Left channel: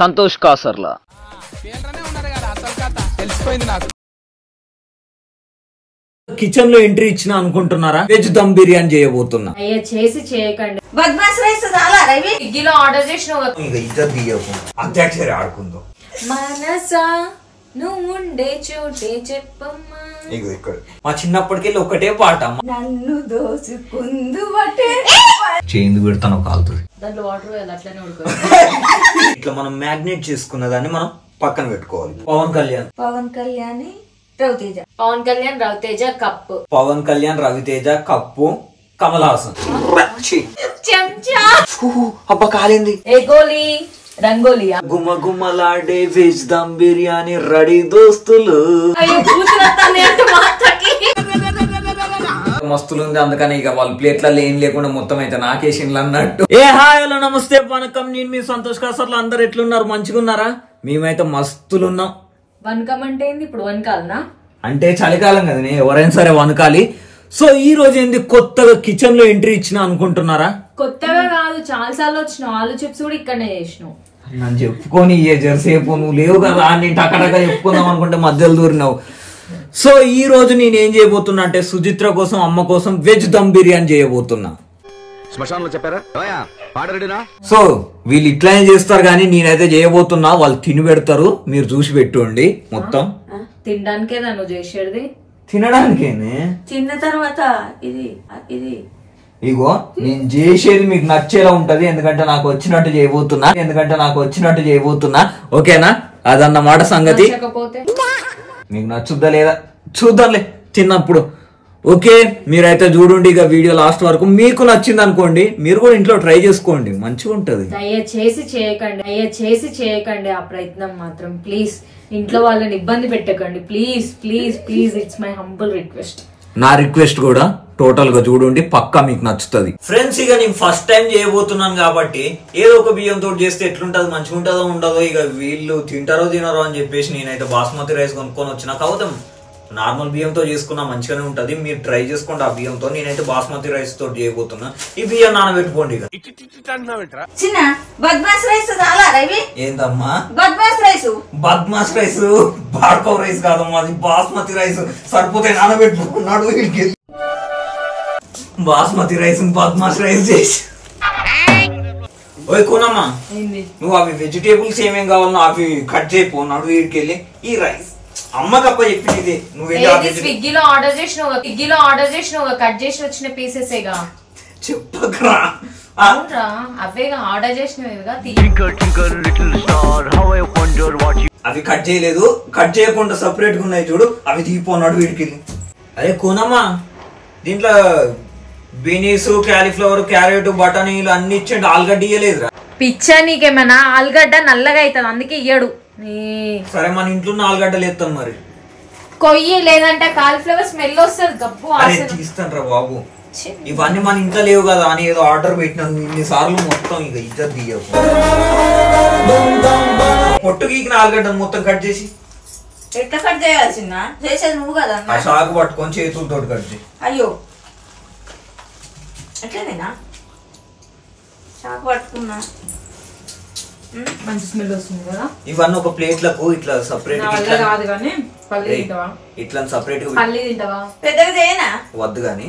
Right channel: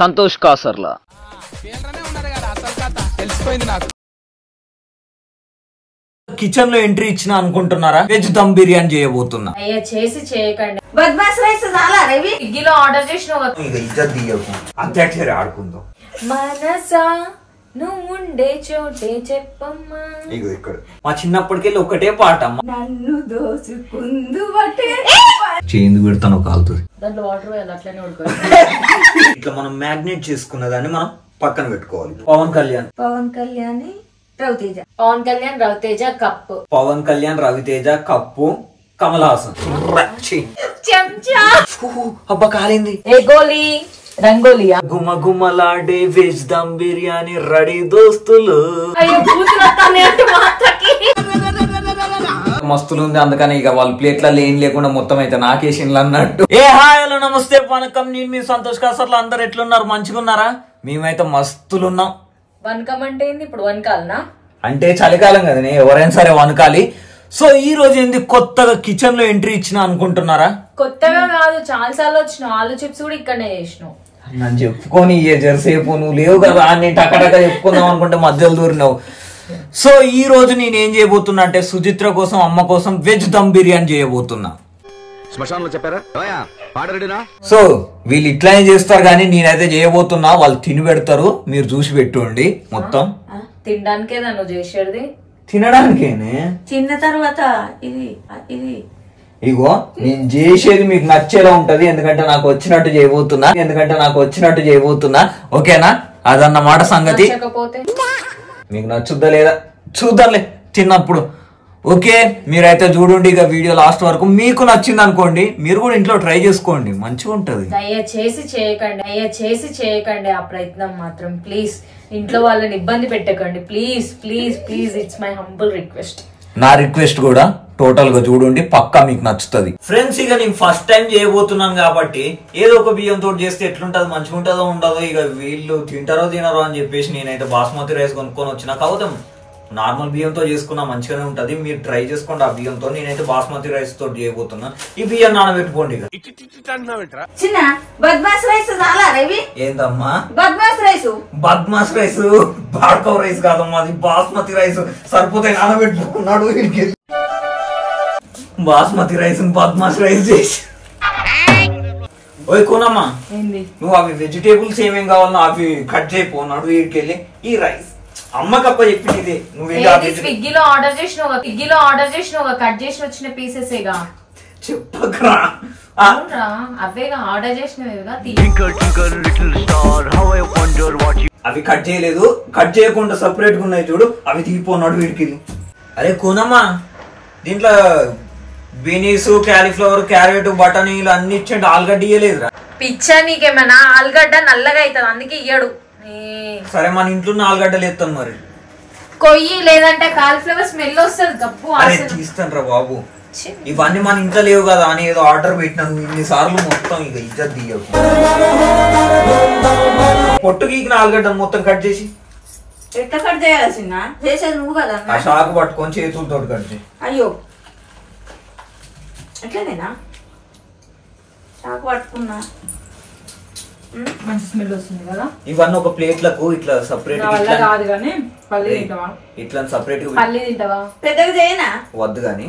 Santosh కాసర్లా. Kitchen లో entry ఇచ్చిన అనుకుంటున్నారా? వెజ్ దమ్ బిర్యానీ చేయబోతున్నా. చేసి చేయకండి. బద్మాస్ రైస్ చాలా రవి స్విగ్గీలో ఆర్డర్ చేసిన అంత్యాక్షరి ఆడుకుందాం. మనసా నువ్వుండే చోటే చెప్పమ్మా. ఇక్కడ మా చిన్నప్పటికెళ్ళి ఒకటే పాట, నన్ను దోసుకుందు బట్టే చేందు పెడతాను కాలుతుంది. దాంట్లో వాటర్ వేయాలి, అట్లనే ఉడుకోవాలి. ఇట్లా మనం మ్యాగ్నేట్ చేసుకున్న దాన్ని మనం పక్కన పెట్టుకోవాలి. పవన్ కళ్యాణ్ రవితేజ, పవన్ కళ్యాణ్ రవితేజ కప్పు, పవన్ కళ్యాణ్ రవితేజ కప్పు, కమల్ హాసన్ చెంచా. అబ్బా కాలింది. రేగోలి రంగోలియా. గుమ్మ గుమ్మలాడే వెజ్ దమ్ బిర్యానీ రెడీ దోస్తులు. అయ్యో కూతురత్తానే అంటే మాటకి మస్తులు ఉంది, అందుకని ఇక వాళ్ళ ప్లేట్లలో ఏం లేకుండా మొత్తం అయితే నాకేసిండ్లు అన్నట్టు. ఏ హాయ్ హలో నమస్తే వనకం, నేను మీ సంతోష్ కాసర్లు. అందరు ఎట్లున్నారు? మంచిగా ఉన్నారా? మేమైతే మస్తులున్నాం. వనకం అంటే ఏంది? ఇప్పుడు వనకాలనా? అంటే చలికాలం కదనే, ఎవరైనా సరే వనకాలి. సో ఈ రోజు ఏంది కొత్తగా కిచెన్ లో ఎంట్రీ ఇచ్చిన అనుకుంటున్నారా? కొత్తగా కాదు, చాలా సార్లు వచ్చినావు. ఆలు చిప్స్ కూడా ఇక్కడనే చేసినావు. నన్ను చెప్పుకొని జరసేపు నువ్వు లేవు కదా, నేను టకటక చెప్పుకుందాం అనుకుంటే మధ్యలో దూరినావు. సో ఈ రోజు నేను ఏం చేయబోతున్నా అంటే సుచిత్ర కోసం, అమ్మ కోసం వెజ్ దమ్ బిర్యానీ చేయబోతున్నా. శ్మశానంలో చెప్పారా? సో వీళ్ళు ఇట్లానే చేస్తారు కానీ నేనైతే చేయబోతున్నా. వాళ్ళు తిని పెడతారు, మీరు చూసి పెట్టుకోండి. మొత్తం తినడానికే నువ్వు చేసేది? తినడానికేనే. తిన్న తర్వాత ఇది ఇది ఇగో నేను చేసేది మీకు నచ్చేలా ఉంటది, ఎందుకంటే నాకు వచ్చినట్టు చేయబోతున్నా. ఓకేనా? అదన్నమాట సంగతి. మీకు నచ్చుద్దా లేదా చూద్దాంలే తిన్నప్పుడు. ఓకే, మీరైతే చూడండి ఇక వీడియో లాస్ట్ వరకు. మీకు నచ్చింది అనుకోండి, మీరు కూడా ఇంట్లో ట్రై చేసుకోండి, మంచిగా ఉంటది. దయచేసి చేయకండి ఆ ప్రయత్నం మాత్రం. ప్లీజ్ ఇంట్లో వాళ్ళని ఇబ్బంది పెట్టకండి. Please please please, it's my humble request. నా రిక్వెస్ట్ కూడా టోటల్ గా చూడండి, పక్కా మీకు నచ్చుతుంది. ఫ్రెండ్స్ ఇక నేను ఫస్ట్ టైం చేయబోతున్నాను కాబట్టి ఏదో ఒక బియ్యం తోటి చేస్తే ఎట్లుంటది, మంచిగా ఉంటుందో ఉండదో, ఇక వీళ్ళు తింటారో తినరో అని చెప్పేసి నేనైతే బాస్మతి రైస్ కొనుక్కొని వచ్చిన. కాకపోతే నార్మల్ బియ్యంతో చేసుకున్నా మంచిగానే ఉంటది, మీరు ట్రై చేసుకోండి ఆ బియ్యంతో. నేనైతే బాస్మతి రైస్ తోటి చేయబోతున్నా. ఈ బియ్యం నానబెట్టుకోండి. ఇక చిన్న బద్మాస్ రైస్ చాలా రవి. ఏందమ్మా బద్మాస్ రైస్? బాడ్కో రైస్ కాదమ్మా, అది బాస్మతి రైస్. సరిపోతే నానబెట్టుకున్నాడు వీడికి. బాస్మతి రైస్ బద్మాస్ రైస్ చేసి. ఓయ్ కోనమ్మా, నువ్వు అవి వెజిటేబుల్స్ ఏమేం కావాలన్నా అవి కట్ చేయపోన్నాడు వీడికి వెళ్ళి. ఈ రైస్ అమ్మకప్ప చెప్పింది, నువ్వు స్విగ్గీలో ఆర్డర్ చేసినావు కట్ చేసి వచ్చిన పీసెసేగా. చెప్పకరా, అవేగా ఆర్డర్ చేసినవిగా. అవి కట్ చేయలేదు, కట్ చేయకుండా సపరేట్ గా ఉన్నాయి చూడు, అవి తీపోన్నాడు వీడికి. అరే కోనమ్మా, దీంట్లో బీనీస్, క్యాలీఫ్లవర్, క్యారెట్, బటానీలు అన్ని ఇచ్చిండు, ఆలుగడ్డ ఇయ్యలేదురా. పిచ్చా నీకేమైనా? ఆలుగడ్డ నల్లగా అవుతుంది, అందుకే ఇయ్యడు. సరే మన ఇంట్లో ఆలుగడ్డలు ఎత్తాను మరి. కొయ్యి, లేదంటే కాలీఫ్లవర్ స్మెల్ వస్తుంది. గప్పు తీస్తాను రా బాబు, ఇవన్నీ మన ఇంట్లో లేవు కదా అని ఏదో ఆర్డర్ పెట్టినాను ఇన్నిసార్లు. మొత్తం ఇక ఇజ్జత్ తీయకు. పొట్టు గీకిన ఆలుగడ్డ మొత్తం కట్ చేసి ఎట్లా కట్ చేయాల్సిన చేసేది నువ్వు కదా. ఆ షాకు పట్టుకొని చేతులతో కట్ చేసి. అయ్యో అట్లనేనా? షాకు పట్టుకున్నా, మంచి స్మెల్ వస్తుంది కదా. ఇవన్నీ ఒక ప్లేట్లకు ఇట్లా సపరేట్ కాదు కానీ పల్లి తింటావా? ఇట్లా సపరేట్ గా పల్లి తింటావా? పెద్దగా చేయనా? వద్దు గాని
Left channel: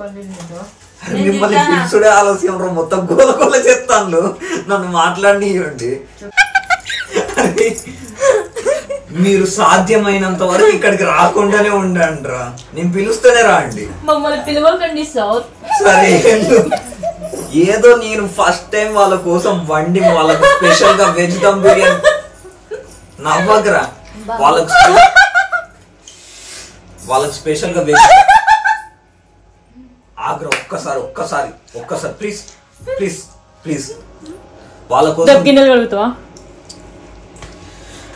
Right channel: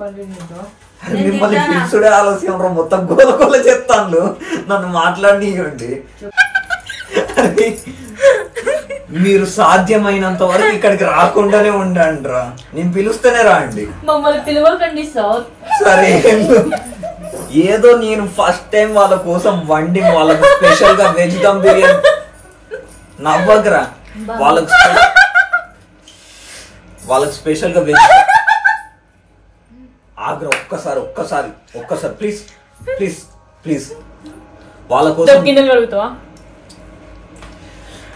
పల్లి తింటావా? మిమ్మల్ని పిలుచుడే ఆలోచన మొత్తం గోల చెప్తాను, నన్ను మాట్లాడియండి. మీరు సాధ్యమైనంత వరకు ఇక్కడికి రాకుండానే ఉండండి రా, నేను పిలుస్తూనే రండి. మమ్మల్ని పిలవకండి సార్. సరే, ఏదో నేను ఫస్ట్ టైం వాళ్ళ కోసం వండి వాళ్ళకు స్పెషల్ గా వెజ్ దమ్ బిర్యానీ. నవ్వకరా, వాళ్ళకు స్పెషల్ గా వెజ్. ఆగ్రా, ఒక్కసారి ప్లీజ్ ప్లీజ్ ప్లీజ్.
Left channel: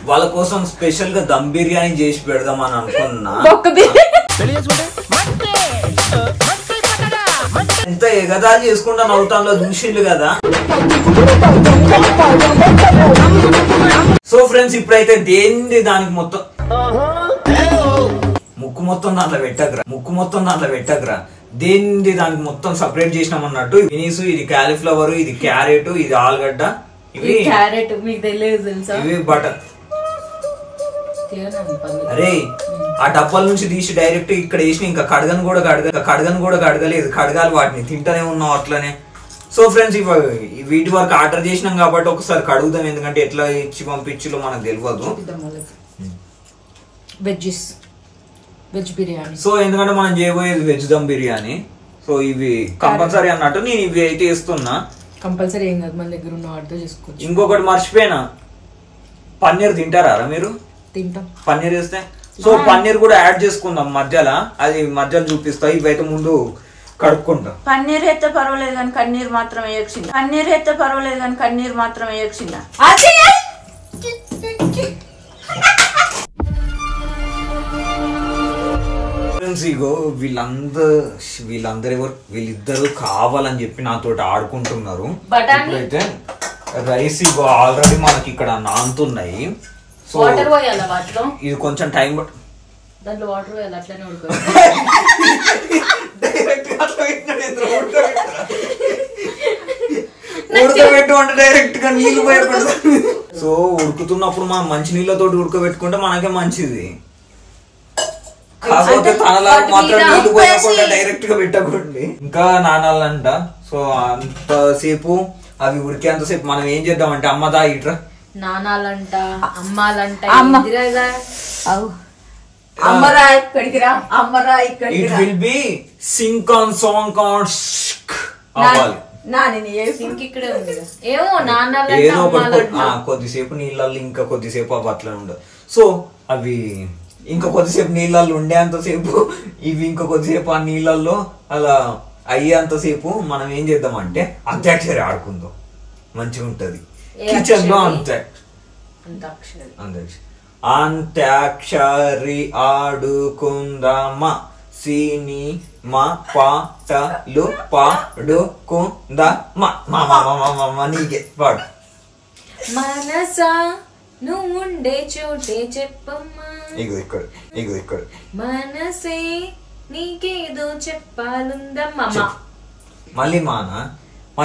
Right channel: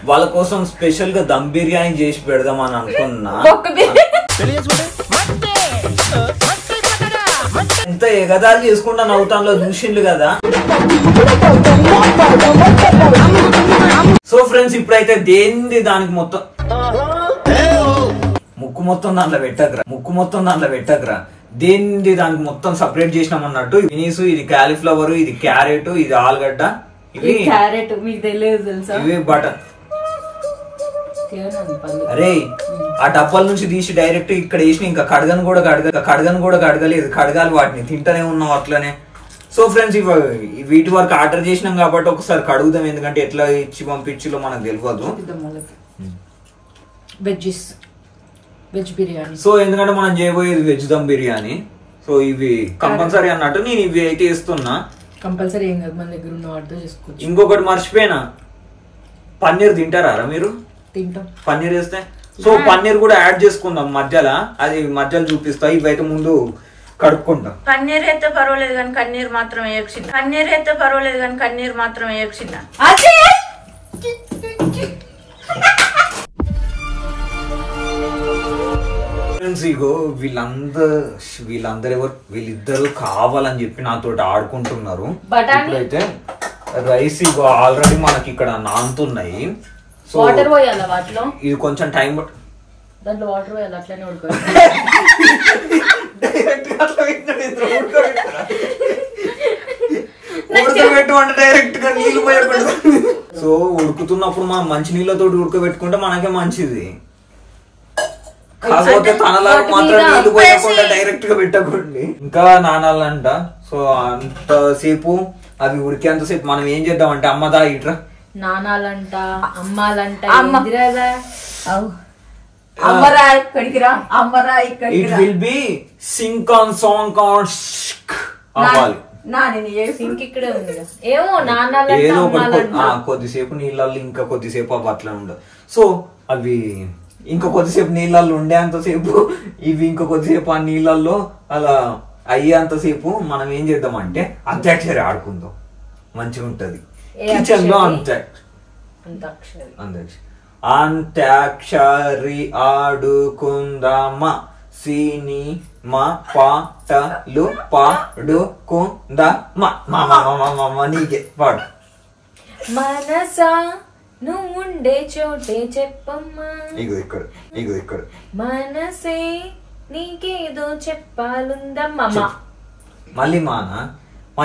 వాళ్ళ కోసం స్పెషల్ గా దమ్ బిర్యానీ చేసి పెడదామని అనుకున్నా. ఎంత ఎగదాలు చేసుకుంటా నవ్వుతాంలో చూసిండు కదా. సో ఫ్రెండ్స్, ఇప్పుడైతే దేంది దానికి మొత్తం ముక్కు మొత్తం దాంట్లో పెట్టకరా. దేంది దానికి మొత్తం సపరేట్ చేసినాం అన్నట్టు. వినీసు ఇది క్యాలీఫ్లవర్, ఇది క్యారెట్, ఇది ఆలుగడ్డ, ఇవి క్యారెట్ మీకు తెలియదు తెలుసా? ఇవి బటర్. అరే ఆ డబ్బాల నుంచి తీసి డైరెక్ట్ ఇక్కడ వేసి ఇంకా కడగను కూడా కడగలేదు, కడగాలి వాటిని, తింటనే ఉన్నాం అట్లనే. సో ఫ్రెండ్స్ వీటి వరకు ఆర్డర్ చేసినాం కాబట్టి ఒకసారి కడుగుదాం, ఎందుకంటే ఎట్లా ఇచ్చి పంపించిలో మనకు తెలియదు. వెజ్ బిర్యానీ. సో ఎందుకంటే మనం చేయబోయేది వెజ్ దమ్ బిర్యానీ. సో ఇవి కంపల్సరీ అన్నట్టు నేను ఇవి అయితే ఇస్తున్నా. కంపల్సరీ ఏం కాదు, మన దగ్గర ఉన్న వాటితో చేసుకోవచ్చు. ఇంకొకటి మర్చిపోయినా, పన్నీర్ తింటారా మీరు? తింటాం. పన్నీర్ వేస్తే సో పన్నీర్ కూడా యాడ్ చేసుకుందాం మధ్యలో, అది మధ్యలో చూపిస్తా. ఇవైతే ముందు కడుక్కుంటాం. పన్నీర్ అయితే పర్వాలేదు కానీ కన్నీరు మాత్రం వేయకుండా. ఇగో వీళ్ళిద్దరు కావాలని చెప్పి నాతో ఆడుకుంటున్నారు. ఇప్పుడైతే రైస్ ఇగో ఆల్రెడీ మనకి ఇక్కడ నానుతున్నాయి. సో వాటర్ పోయాలా వాటిలో? ఇది కొంచెం టైం దాంట్లో వాటర్ పోయాలి, అట్లనే ఉడకబెట్టు అంటే డైరెక్ట్ గా నీళ్లు పోయకూడదు. సో ఉడుకుతున్నప్పుడు మనం మంచి నీళ్ళతో ఉడకబెట్టుకుంటే మనకే మంచిది. కాకపోతే తనలా మాత్రం నీళ్లు పోయకుండా డైరెక్ట్ గా పెట్టకండి, ఇంకా నానాలంట. సో అంతసేపు అవి ఉడికేంతసేపు మనం ఏం చేద్దామంటే, అమ్మదా ఇట్రా నానాలంట, అమ్మాలంట, it will be sync on song on అవ్వాలి. ఇక్కడే ఉంది ఏమో నానాలంట, ఏదో ఒకటి కొద్దిసేపు నీళ్ళల్లో ఇంకా కొద్దిసేపు అవి అట్లా ఉండదు. సో అవి ఇంకా కొద్దిసేపు నీళ్ళల్లో ఉండేంతసేపు ఇవి ఇంకా కొద్దిసేపు ఆ నీళ్ళల్లో అలా అయ్యేంతసేపు మనం ఏం చేద్దామంటే అంత్యాక్షరి ఆడుకుందాం, మంచిగా ఉంటది కిచెన్ లో. అంత్యాక్షరి ఆడుకుందామా, సినిమా పాటలు పాడుకుందామా. నీకే పాడు. మనసా నువ్వుండే చోటే చెప్పమ్మా, ఇగో ఇక్కడ మనసే నీకేదో చెప్పాలుందమ్మా. మళ్ళీ మా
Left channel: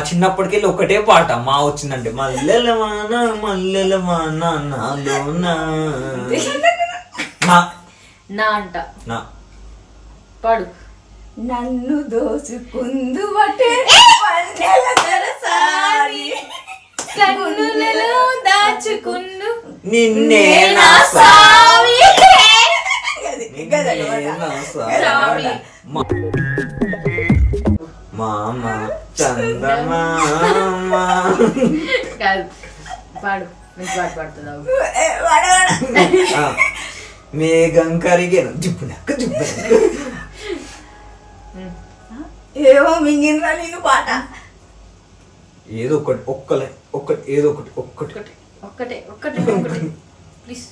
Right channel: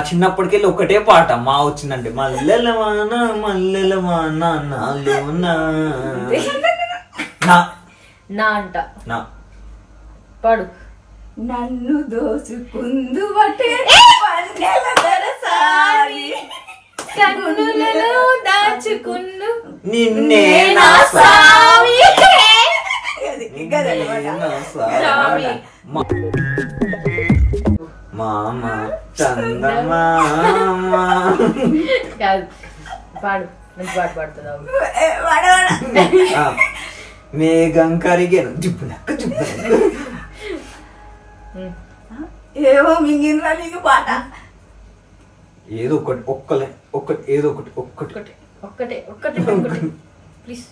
చిన్నప్పటికెళ్ళి ఒకటే పాట మా వచ్చిందంటే, మల్లెల వాన నాలోనా అంట పాడు. నన్ను దోసుకుందు కన్నులలో దాచుకుందు నిన్నే మామ చందమామ. పాడు, మంచి పాట పాడుతున్నావు. మేఘం కరిగేను జిప్పునక్క ఏమో మింగినరా నేను పాట. ఏదో ఒకటి ఏదో ఒకటి ప్లీజ్.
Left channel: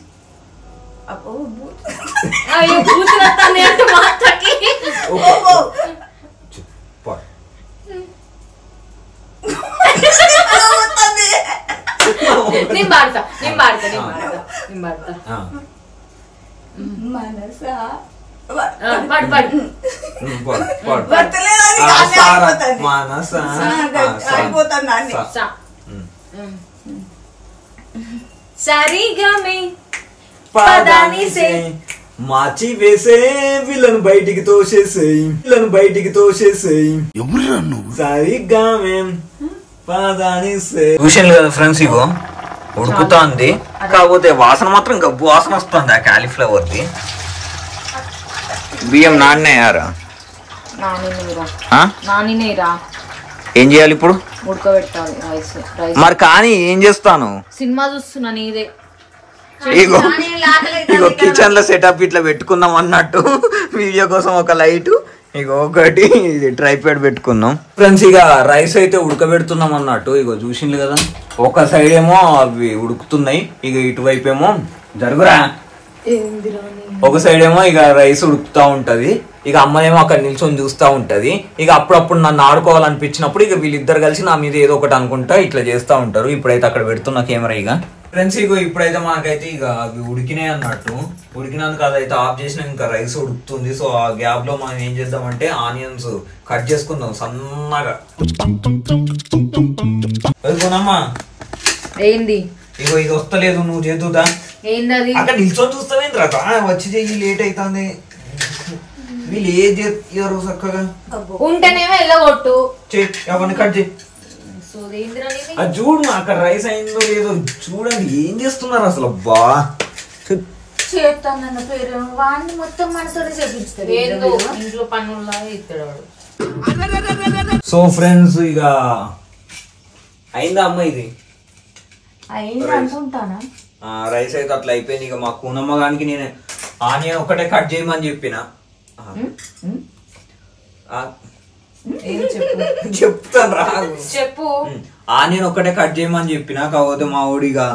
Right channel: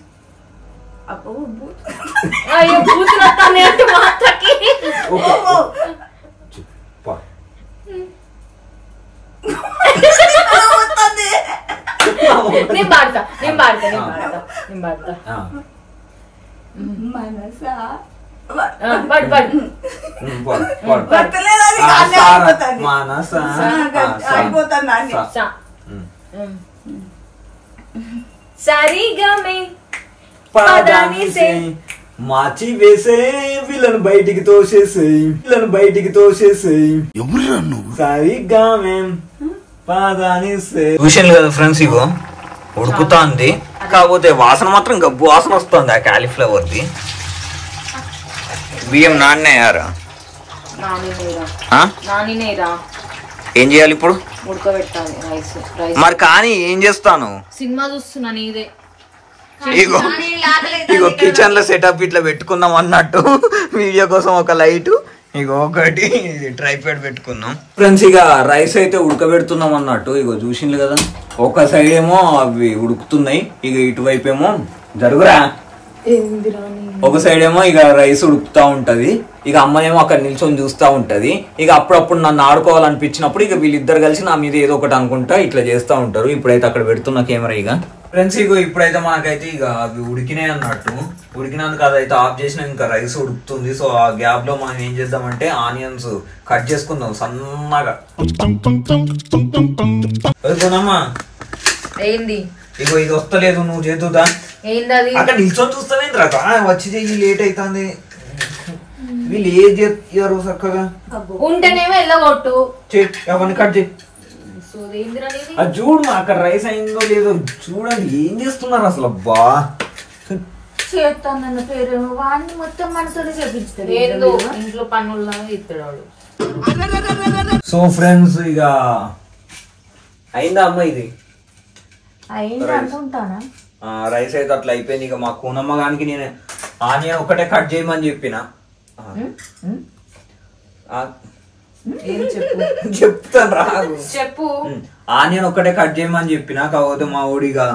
అయ్యో కూతురత్తానే అంటే మాటకి నేను పాడతా. మనసా పాడు. సరిగమే పదానిసే మాచి వేసే వీళ్ళను బయటికి తోసేసేయి, సరిగ్గా మేం పదానిసే. చూసాను కదా ఫ్రెండ్స్, ఇగో ఉడుకుతాంది, కాకపోతే వాసన మాత్రం గబ్బు వాసన వస్తుంది ఆ కాలీఫ్లవర్ ది. బియ్యం నాన్నయ్యారా? ఏం చేయాలి ఇప్పుడు? ఉడకబెట్టాలి రైస్. మరి కానీ ఏం చేస్తాను? సినిమా చూస్తున్నా నీదే. ఇగో కిచెన్ లో సెటప్ ఇట్లా పెట్టుకుందాం అన్నట్టు, వీడియో కోసం ఒక లైట్, ఇగో ఒకటి ట్రైపాడ్ పెట్టుకున్నాం. ఫ్రెండ్స్ ఇక రైస్ అయితే ఉడకబెడుతున్నాం అన్నట్టు. ఇగో చూసిండ్రు కదా, ఒక సైడ్ ఏమో అవి ఉడుకుతున్నాయి, ఇక ఇటువైపు ఏమో జరుగురా, ఒక సైడ్ ఏమో ఇక రైస్ ఉడుకుతా ఉంటది, ఇక అమ్మనేమో అక్కడ నిల్చొని చూస్తా ఉంటది. ఇక అప్పుడప్పుడు నన్ను ఆడుకోవాలనిపించినప్పుడు ఇక వీళ్ళిద్దరు కలిసి నా మీద ఏదో ఒకటి అనుకుంటా ఇట్లా చేస్తా ఉంటారు. ఇప్పుడైతే అక్కడ పెడుతున్నా కెమెరా. ఇక ఫ్రెండ్స్ ఇగో ఇప్పుడైతే మనకైతే ఇక అవి ఉడికినాయి అన్నట్టు. ఉడికినందుకు అదైతే ఆఫ్ చేసిన ఇంకా రైస్ ఉడుకుతుంది. సో ఆ గ్యాప్ లో మనం ఏం చేద్దామంటే ఆనియన్స్ కట్ చేసుకుందాం సన్నగా. అమ్మా ఏంది ఇగో ఇది వస్తలేదు, నువ్వు చేతుదా ఏంది అది అక్కడ నిల్చొని చూస్తావేంద్ర వచ్చి చెయ్యి లేట్ అవుతుంది. వీళ్ళు ఏం చేస్తారు చక్కగా ఉంటేనేమో వెళ్ళగొట్టు అవన్నీ కట్ చేయి. అది చూడు అక్కడ రైస్ అయిందో లేదో చూడండి, ఏం చేస్తున్నారు అసలు. అబ్బా చేస్తాను పేరు వాడిని మొత్తం మనతో చేపిస్తాడు. ఏందో ఇంట్లో పనుల్లాగా ఇస్తాడు వాడు. సో ఫ్రెండ్స్ ఇక అయిందా అమ్మ ఇది అయింది అనుకుంటానా. రైస్ అయితే అట్లా అయిపోయింది. ఇక మా కూనమ్మ గానికి నేను ఆనియన్ ఒకటే కట్ చేయమని చెప్పిన. చెప్తాను రా చెప్పు. ఆనియన్ ఒక్కటే కట్ చేయమని చెప్పిన. కాకపోతే మా ఓడిగా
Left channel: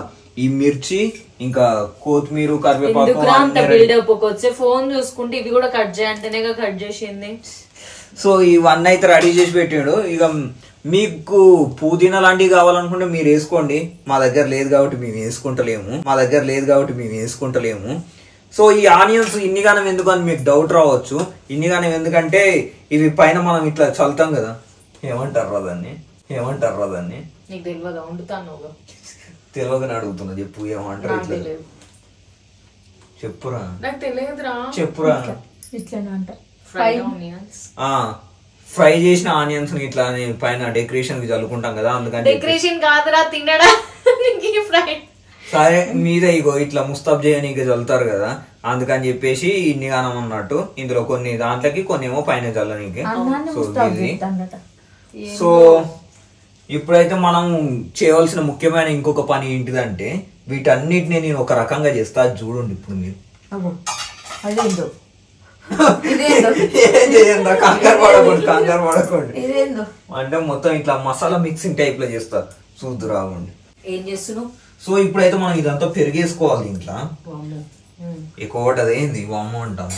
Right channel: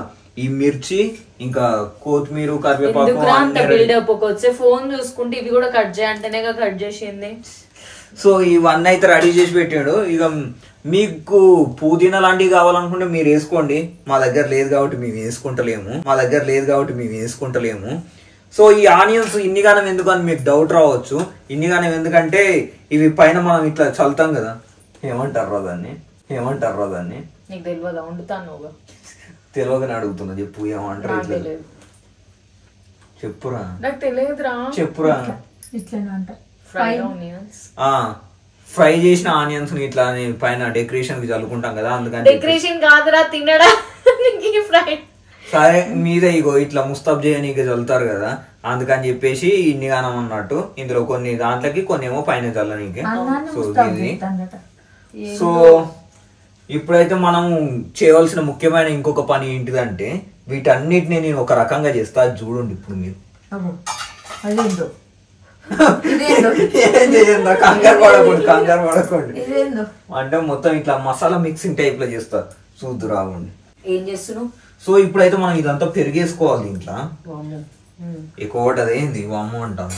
ఈ మిర్చి ఇంకా కొత్తిమీర కరివేపాకు ఫోన్ చూసుకుంటే ఇవి కూడా కట్ చేయంటేనే కట్ చేసింది. సో ఇవన్నీ అయితే రెడీ చేసి పెట్టాడు. ఇక మీకు పుదీనా లాంటివి కావాలనుకుంటే మీరు వేసుకోండి. మా దగ్గర లేదు కాబట్టి మేము వేసుకుంటలేము. సో ఈ ఆనియన్స్ ఇన్నిగానం ఎందుకు అని మీకు డౌట్ రావచ్చు. ఇన్నిగానం ఎందుకంటే ఇవి పైన మనం ఇట్లా చల్లుతాం కదా, ఏమంటారు దాన్ని నీకు తెలియదా? వండుతాను తెలియదని అడుగుతున్నా. చెప్పు ఏమంటారు ఇట్లా చెప్పురా. నాకు తెలియదురా. చెప్పురా. ఇట్లనే అంటారు ఫ్రై చేసిన ఆనియన్స్ ఇట్లా పైన డెకరేషన్ కి చల్లుకుంటాం కదా, అందుకని డెకరేషన్ కాదురా తినడా. ఫ్రై సరే మీద ఇగో ఇట్లా ముస్తాబ్ చేయనీకి చల్లుతారు కదా, అందుకని చెప్పేసి ఇన్ని గానం అన్నట్టు. ఇందులో కొన్ని దాంట్లకి కొన్ని ఏమో పైన చల్లనీకి. సో ఇది సో ఇప్పుడైతే మనం చేయవలసిన ముఖ్యమైన ఇంకొక పని ఏంటిదంటే వీటన్నిటిని నేను ఒక రకంగా చేస్తా. చూడండి ఇప్పుడు మీరు. కంగారు పడకండి అంటే మొత్తం ఇట్లా మసాలా మిక్సింగ్ టైప్ లో చేస్తా. చూద్దు రావండి ఏం చేస్తున్నావు. సో ఇప్పుడైతే మనం ఇదంతా పెరిగేసుకోవాలి ఇంట్లో. ఎక్కువ అదేంది వాము అంటాను.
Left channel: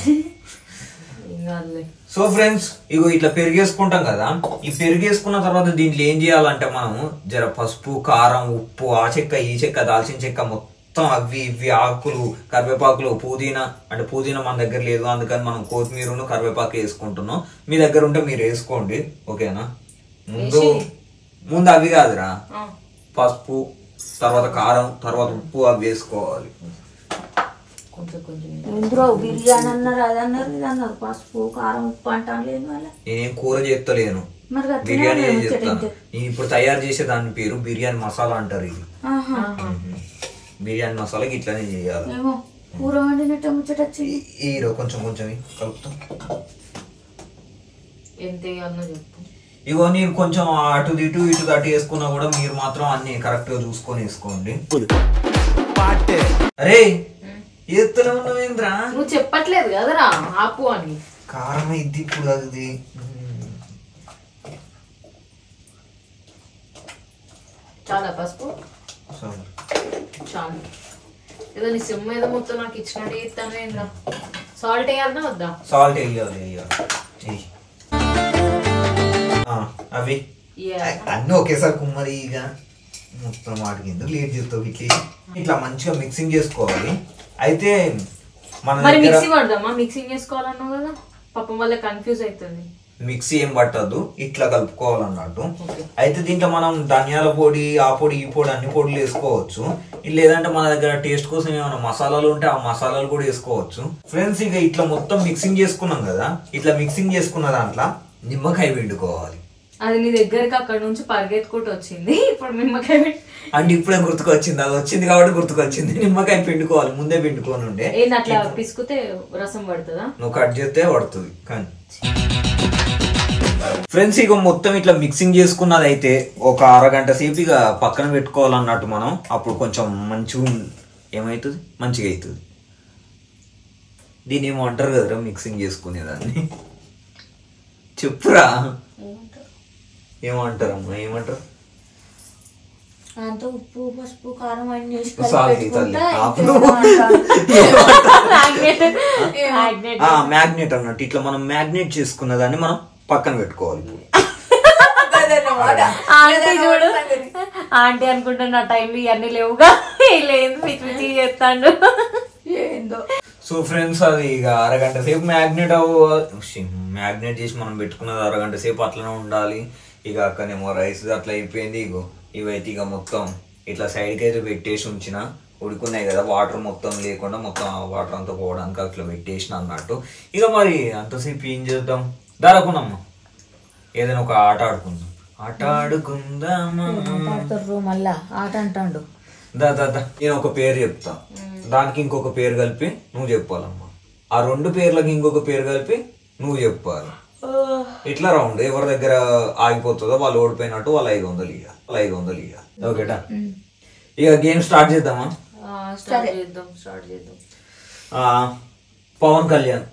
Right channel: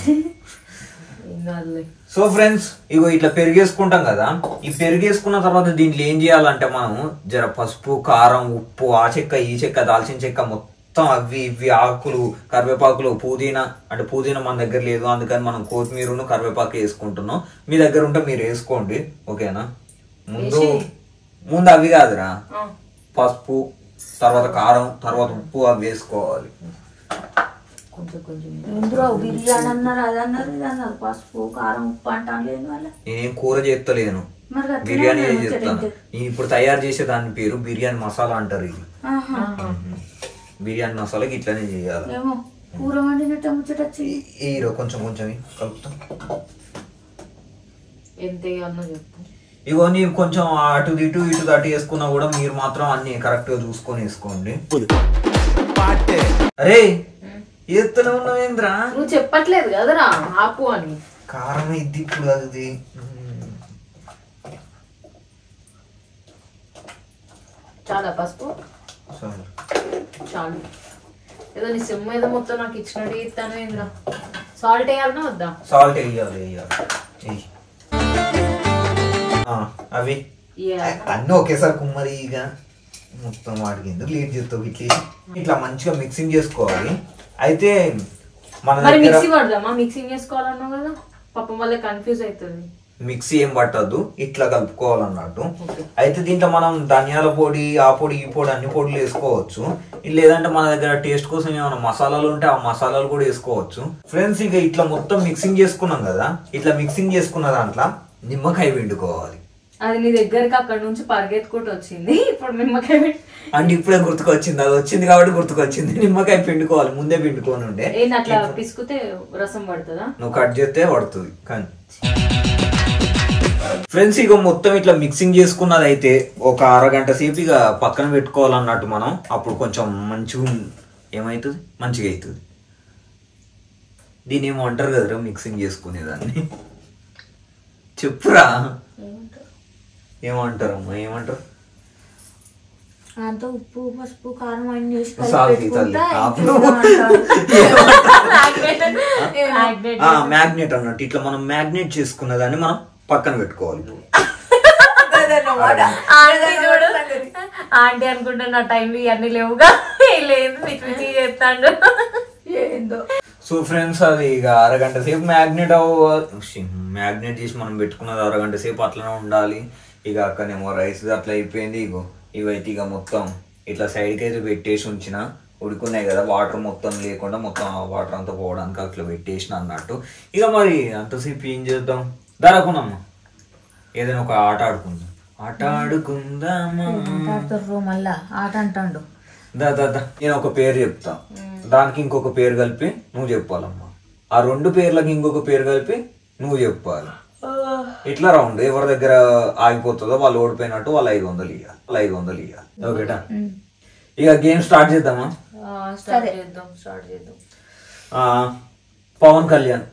సో ఫ్రెండ్స్ ఇగో ఇట్లా పెరిగేసుకుంటాం కదా. ఈ పెరిగేసుకున్న తర్వాత దీంట్లో ఏం చేయాలంటే మనం జర పసుపు, కారం, ఉప్పు, ఆ చెక్క, ఈ చెక్క, దాల్చిన చెక్క మొత్తం అవి ఇవి ఆకులు, కరివేపాకులు, పుదీనా అంటే పుదీనా మన దగ్గర లేదు అందుకని మనం కొత్తిమీరను కరివేపాకు వేసుకుంటున్నాం. మీ దగ్గర ఉంటే మీరు వేసుకోండి, ఓకేనా. ముందు అవి కాదురా, పసుపు, తర్వాత కారం, తర్వాత ఉప్పు అవి వేసుకోవాలి. బిర్యానీ అన్నారు, అదన్నారు, ఇదన్నారు, పసుపు, కారం, ఉప్పు అంటాను లేదు. మళ్ళీ నేనేం కూర చేస్తలేను, బిర్యానీ చేస్తాను. నేను ఇప్పుడు తయారు చేసే దాని పేరు బిర్యానీ మసాలా అంటారు. ఇది బిర్యానీ మసాలాకి ఇట్లానే చేయాలి. కూర వండినట్టు ముచ్చటొచ్చి కొంచెం కొంచెం కలుపుతాం. ఇగో నేను కొంచెం అటు ఇటు అటు వేసుకున్నా కూడా మీరు మాత్రం అన్ని కరెక్ట్ గా చూసుకొని వేసుకోండి. అరే ఎత్తులో ఉన్నావేంద్రా, నువ్వు చెప్పట్లేదు కదరా ఆపు అని. కారం ఇది ఇప్పుడు అది చాలా పసుపు చాలు. ఏదో నీ సిమ్ ఏదో మొత్తం నాకు ఇచ్చినట్టు ఇస్తాను. ఏంద్రా సాల్ట్ వేయాలన్నా వద్దా? సాల్ట్ వేయాలి. అవి అన్నీ ఒకేసారి కుమ్మరి ఇక మొత్తం వాటికి ఎందుకు లేట్ చేస్తావు. ఇట్లా మంచిగా మిక్సింగ్ చేసుకోవాలి. అయితే మన మిక్సీ పడదామా? మిక్సింగ్ చేసుకోవాలన్నావు కదా, పాపం వల్ల కన్ఫ్యూజ్ అవుతుంది. మిక్సీ ఏం పట్టద్దు, ఇట్లా కలుపుకోవాలన్నట్టు. అయితే దీంట్లో మనం ధనియాల పొడి, ఆ పొడి, ఈ పొడి అన్ని పొడులు వేసుకోవచ్చు. లేదంటే మన దగ్గర టేస్ట్ కోసం ఏమైనా మసాలాలు ఉంటే ఆ మసాలాలు కూడా వేసుకోవచ్చు. ఫ్రెండ్స్ ఇక ఇట్లా మొత్తం మిక్సింగ్ చేసుకున్నాం కదా, ఇట్లా మిక్సింగ్ చేసుకున్న దాంట్లో నిమ్మకాయ పిండుకోవాలి. అది నీ దగ్గరకు అక్కడ నుంచి పరిగెత్తుకుంటూ వచ్చింది. ఇప్పుడు నిమ్మకాయ అంటే ఇప్పుడే గుర్తుకొచ్చింది, అది వచ్చింది కాబట్టి గుర్తుకొచ్చింది. నిమ్మకాయ పిండుకోవాలి, ముందే పిండుకొని ఉండే. అట్లా పిసుకుతే రసం పడుతుందా? నువ్వు కట్ చేస్తే పడుతుంది. కానీ ఫ్రెండ్స్ ఇక మొత్తం ఇట్లా మిక్సింగ్ చేసుకున్నది అయితే ఒక అరగంట సేపు ఇక పక్కన పెట్టుకోవాలన్నట్టు మనం. అప్పుడు కొంచెం మంచిగా ఏమవుతుంది, మంచిగా అవుతుంది. దీని ఏమో అంటారు కదరా మిక్సింగ్ చేసుకునేదాన్ని, చెప్పురా ఏమంటారమ్మా, ఏమంటారు? అంత ఉప్పు, పసుపు, కారం అన్ని మ్యాగ్నెట్ అన్నట్టు. ఇట్లా మనం మ్యాగ్నెట్ చేసుకున్న దాన్ని మనం పక్కన పెట్టుకోవాలి. ఆంటీ అనుకుంటున్నా టైం ఇవన్నీ లేవుగా, లేదు చేస్తాడు. సో ఫ్రెండ్స్ అది ఇక అరగంట సేపు మ్యాగ్నెట్ చేసి మనం పెట్టుకున్నది అరగంట సేపు అట్లనే ఉండాలి. ఇక అక్కడేమో రైస్ అట్లా అయిపోయింది. ఇగో ఇవైతే ఇక మొత్తం ఇట్లా సైడ్కి అయితే పెట్టేసి ఉంచిన. ఉడుకున్నాయి కదా, వాటర్ మొత్తం లేకుండా మొత్తం వాటర్ అంతా పోవడానికి అట్లా పెట్టేసిన అన్నట్టు. ఇక మరి అంతసేపు ఏం చేద్దాం, దారకునమ్మా ఏదైనా ఒక ఆట ఆడుకుందాం. ఆట ఆడుకుందామా మళ్ళా ఆట అంటాడు. దా నేను ఒక పేరు చెప్తా, దానికి ఇంకొక పేరు కలిపి నువ్వు చెప్పాలమ్మా. ఆ 2 పేర్లకి ఇంకొక పేరు కలిపి నువ్వు చెప్పాలి. ఇట్లా రౌండ్ ఎవరి దగ్గర ఆగిపోతుందో వాళ్ళు ఓడిపోయినట్టు వాళ్ళు 500 ఇవ్వాలి. ఓకేటా? ఇక గేమ్ స్టార్ట్ చేద్దామా? స్టార్ట్ చేద్దాం. పవన్ కళ్యాణ్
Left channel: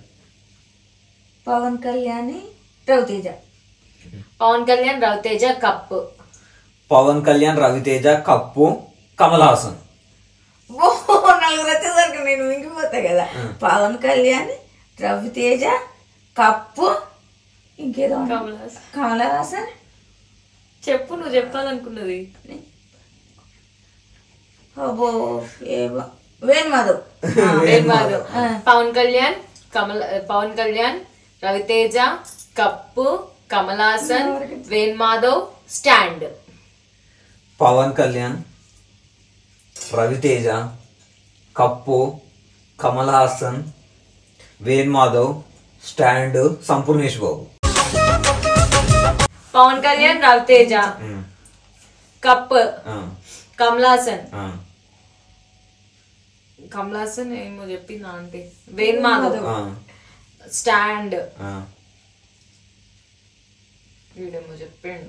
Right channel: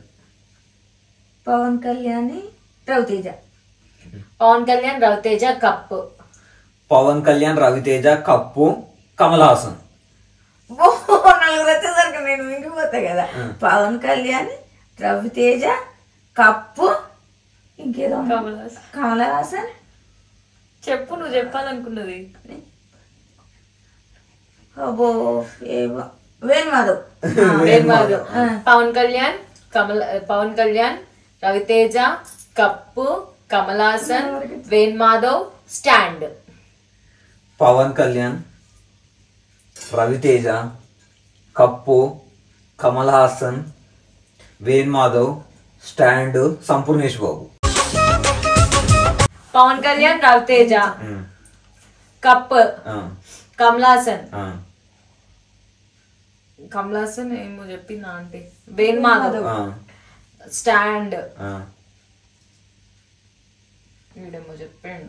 రవితేజ. పవన్ కళ్యాణ్ రవితేజ కప్పు. పవన్ కళ్యాణ్ రవితేజ కప్పు కమల్ హాసన్. నలుగురు వచ్చేసరికి నేను మింగిపోతా కదా. పవన్ కళ్యాణ్ రవితేజ కప్పు ఇంకేదో కమల్ హాసన్. చెప్పు, నువ్వు చెప్పాలనుకున్నది. Venumadhav. Pawan Kalyan Ravi Teja cup Kamal Haasan Venumadhav stand. Pawan Kalyan Ravi Teja cup Kamal Haasan Venumadhav stand Sampoornesh Babu. Pawan Kalyan Ravi Teja cup Kamal Haasan ఏమో చెప్పిందా అంటే వేణుమాధవ్ స్టాండ్. వీడేమో చెప్పాడు,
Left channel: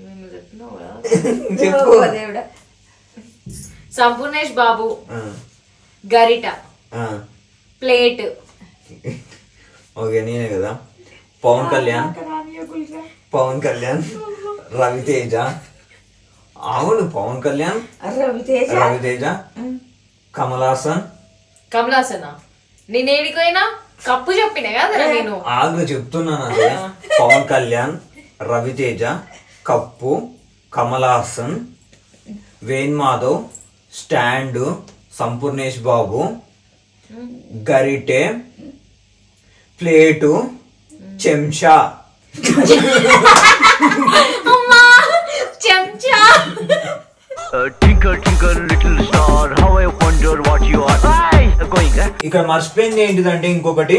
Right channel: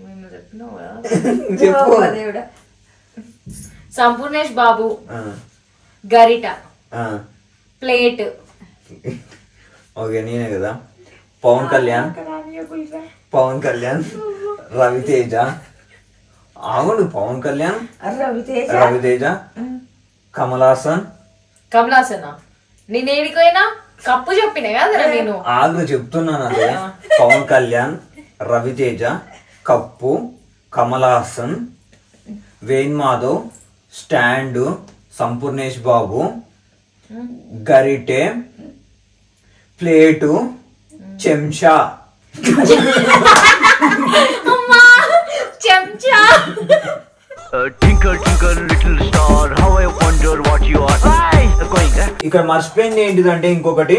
మేము చెప్పినావు కదా. సంపూర్ణేష్ బాబు గరిట ప్లేట్. ఓకే నేనే కదా. పవన్ కళ్యాణ్ రవితేజ. అవును, పవన్ కళ్యాణ్ రవితేజ కమల్ హాసన్. నేను ఏడిపోయినా కప్పు చెప్పినా కదా నేను. ఆగ్రహ చెప్తున్నాను అదే. పవన్ కళ్యాణ్ రవితేజ కప్పు కమల్ హాసన్ వేణుమాధవ్ స్టాండ్ సంపూర్ణేష్ బాబు గరిటె ప్లేటు చెంచా. చెంచా. Twinkle twinkle little star, how I wonder what you are. Going. ఇక్కడ మర్చిపోయింది ఏంటిదంటే ఇంకొకటి,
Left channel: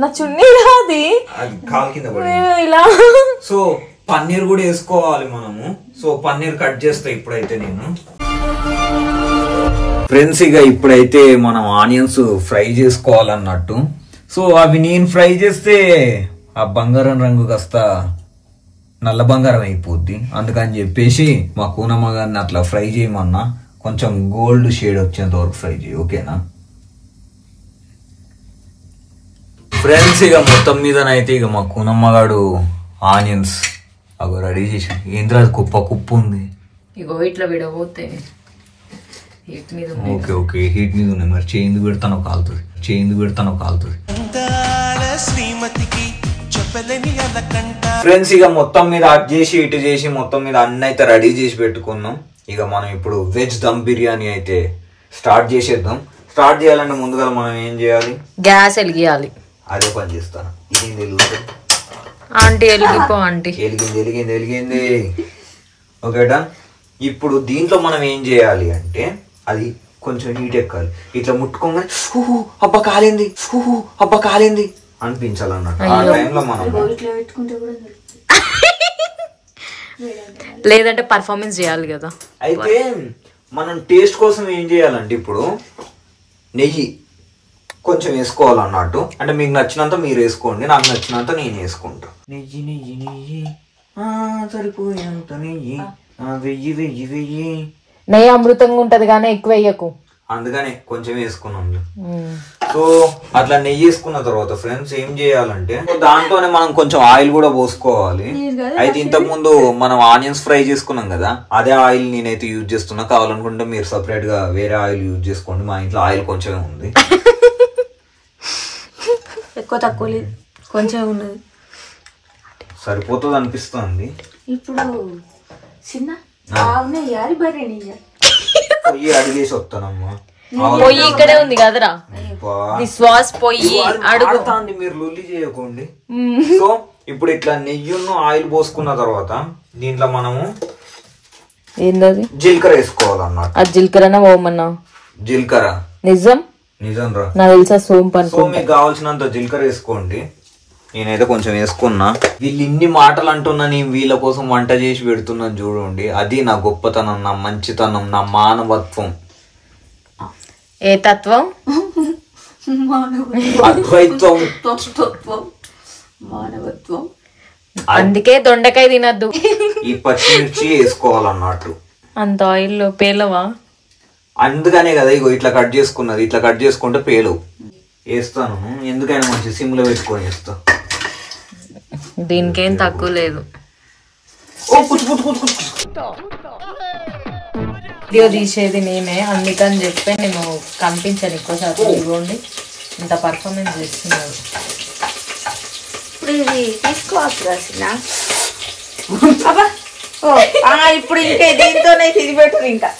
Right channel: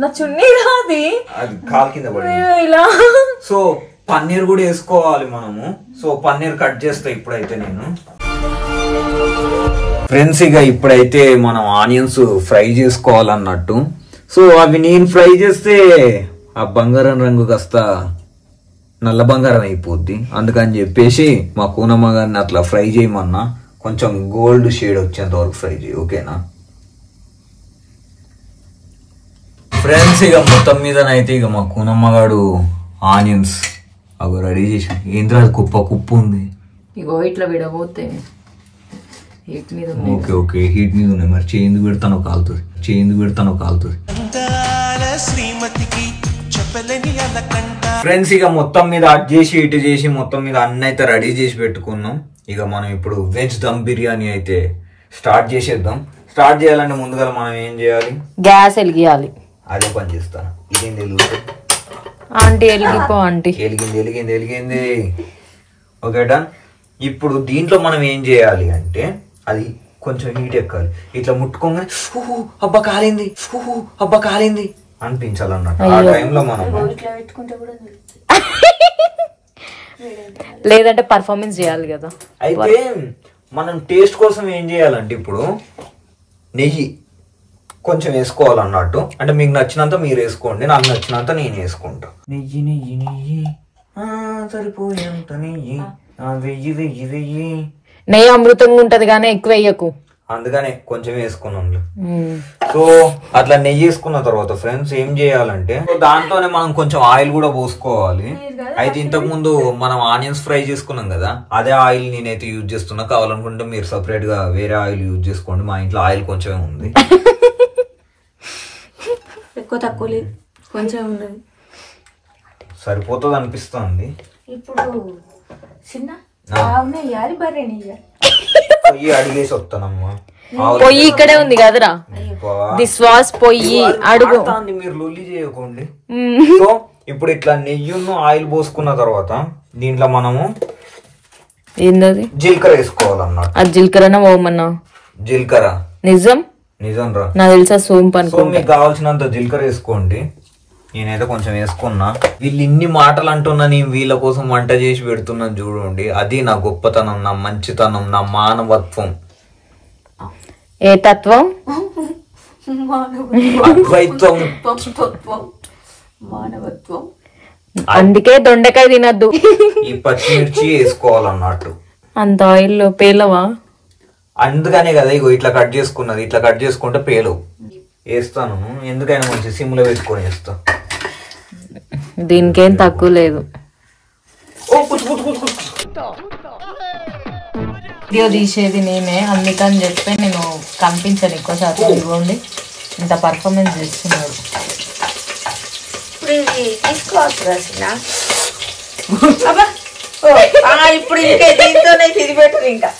నా చున్నీ రాది, అది కాలు కింద పడింది. ఇలా సో పన్నీర్ కూడా వేసుకోవాలి మనము. సో పన్నీర్ కట్ చేస్తా ఇప్పుడైతే నేను. ఫ్రెండ్స్ ఇక ఇప్పుడైతే మనం ఆనియన్స్ ఫ్రై చేసుకోవాలన్నట్టు. సో అవి నేను ఫ్రై చేస్తే ఆ బంగారం రంగు కాస్త నల్ల బంగారం అయిపోద్ది. అందుకని చెప్పేసి మా కూనమ్మ గారిని అట్లా ఫ్రై చేయమన్నా, కొంచెం గోల్డ్ షేడ్ వచ్చేంత వరకు ఫ్రై చేయి. ఓకేనా ఫ్రెండ్స్? ఇక మొత్తం మీదనైతే ఇక మా కూనమ్మ గారు ఆనియన్స్ అవి రెడీ చేసి. ఏంద్రా కుప్పు ఉంది. ఇగో ఇట్లా విడబోతే హీట్ మీద. ఓకే హీట్ మీద ఉన్నాయి. మరి చేయింది పెడతాను కాలుతుంది. ఫ్రెండ్స్ ఇక మొత్తం మీద అట్ చేసి ఇటు చేసి మొత్తం మీద అన్ని అయితే రెడీ చేసి పెట్టుకున్నాం. ఇక మనం ఇప్పుడు వెజ్ దమ్ బిర్యానీ అయితే స్టార్ట్ చేసేద్దాం. స్టార్ట్ చేయాలంటే ముందుగా మనం ఏం చేయాలి? గ్యాస్ వెలిగియాలి. అదే పని చేస్తాను. ఇదేం తెలుగు ఆంటీ వెలిగిపో ఆంటీ. వెలిగింది. ఓకేటా? ఇప్పుడు దీంట్లో మనం ఏం చేయాలి అంటే అది కొంచెం హీట్ ఎక్కాలి. ఇట్లా ముట్టుకోగానే అబ్బా కాలింది అనిపించాలన్నట్టు. ఆ టైంలో మనం లేదంటే పర్ఫార్మెన్స్ చేయాలి కదా. అయితే మనం టేస్ట్ కోసం ఏం చేయాలంటే ఇప్పుడు నెయ్యి కొంచెం వేసుకోవాలన్నట్టు. అంటే మీకు నచ్చినంత మీరు వేసుకోండి, నాకు నచ్చినంత నేను వేసుకుంటా. నెయ్యి సరిపోయేంత నెయ్యి వెయ్యి. నెయ్యి అమృతంగా ఉంటది కానీ ఎక్కువ వేయకు. అందుకనే కొంచెం వేసుకున్నాం. సో అట్లా నెయ్యి వేసుకున్న తర్వాత ఫ్రెండ్స్ ఏం చేయాలంటే దాంతోనే మనం కొంచెం ఆయిల్ కూడా పోసుకోవాలి. అయితే ఇంతకు ముందు మనం ఆనియన్స్ ఫ్రై చేసుకున్నాం కదా, అదే ఆయిల్ నేనైతే యూజ్ చేస్తున్నా. కావాలనుకుంటే మీరు సపరేట్ గా వేరే ఆయిల్ యూజ్ చేసుకోండి. మా ఇంట్లో ఆయిల్ కొంచెం ఉంది. ఎక్కువ తక్కువ లేదు, కొంచెం ఉన్నది, సరిపోతుంది అనిపిస్తుంది. ఇప్పుడు చిన్న పొయ్యి అడిగేసి వస్తానమ్మా. పొయ్యి ఇక్కడే ఉంది కదరా. విశ్వాస్ పొయ్యి అడుగు. మీరు లొల్లి చేయకండి. సో ఇప్పుడు ఇట్లా నెయ్యిను ఆయిల్ పోసుకున్న తర్వాత దీంట్లో మనము ఏంటది? జీలకర్ర వేసుకోవాలన్నమాట. ఆ జీలకర్రనే పోమన్నా? జీలకర్ర నిజం నిజం రా. నాకు తెలుసా సోంపు. సో మీకు కావాల్సినంత జీలకర్ర వేసుకోండి. నేనైతే కొంచెం వేసుకున్నా. వీళ్ళు ఇన్ని మాటలు అంటున్నా, నేను వీళ్ళ కోసం వంట చేసి పెడుతున్నాను చూడండి. అది నా గొప్పతనం, నా మంచితనం, నా మానవత్వం. ఏ తత్వం? అద్వైత్వం, మానవత్వం. అందుకే దొండకాయ తినద్దు. ఈ పచ్చిమిర్చి వేసుకోవాలన్నట్టు. అంత ఆయిల్ పేలవా? అందుకనే కదా ఇగో ఇట్లా కట్ చేసుకున్నది. ఇట్లా కట్ చేసుకుంటే పేలు వేస్తాను. ఎందుకైనా మంచి సిమ్ లో పెట్టుకొని వేస్తా. దీనికేం తక్కువ లేదు. వీడియో తీసేది నేనే, అందుకని చెప్పి నేను కనిపించాను ఎక్కువ శాతం. ఇవ్వండి ఇంత పర్ఫార్మెన్స్ చేస్తున్నాడు. ఇప్పుడు ఇంకే దీంతోనే తిరిగిపెట్టు. ఇంకా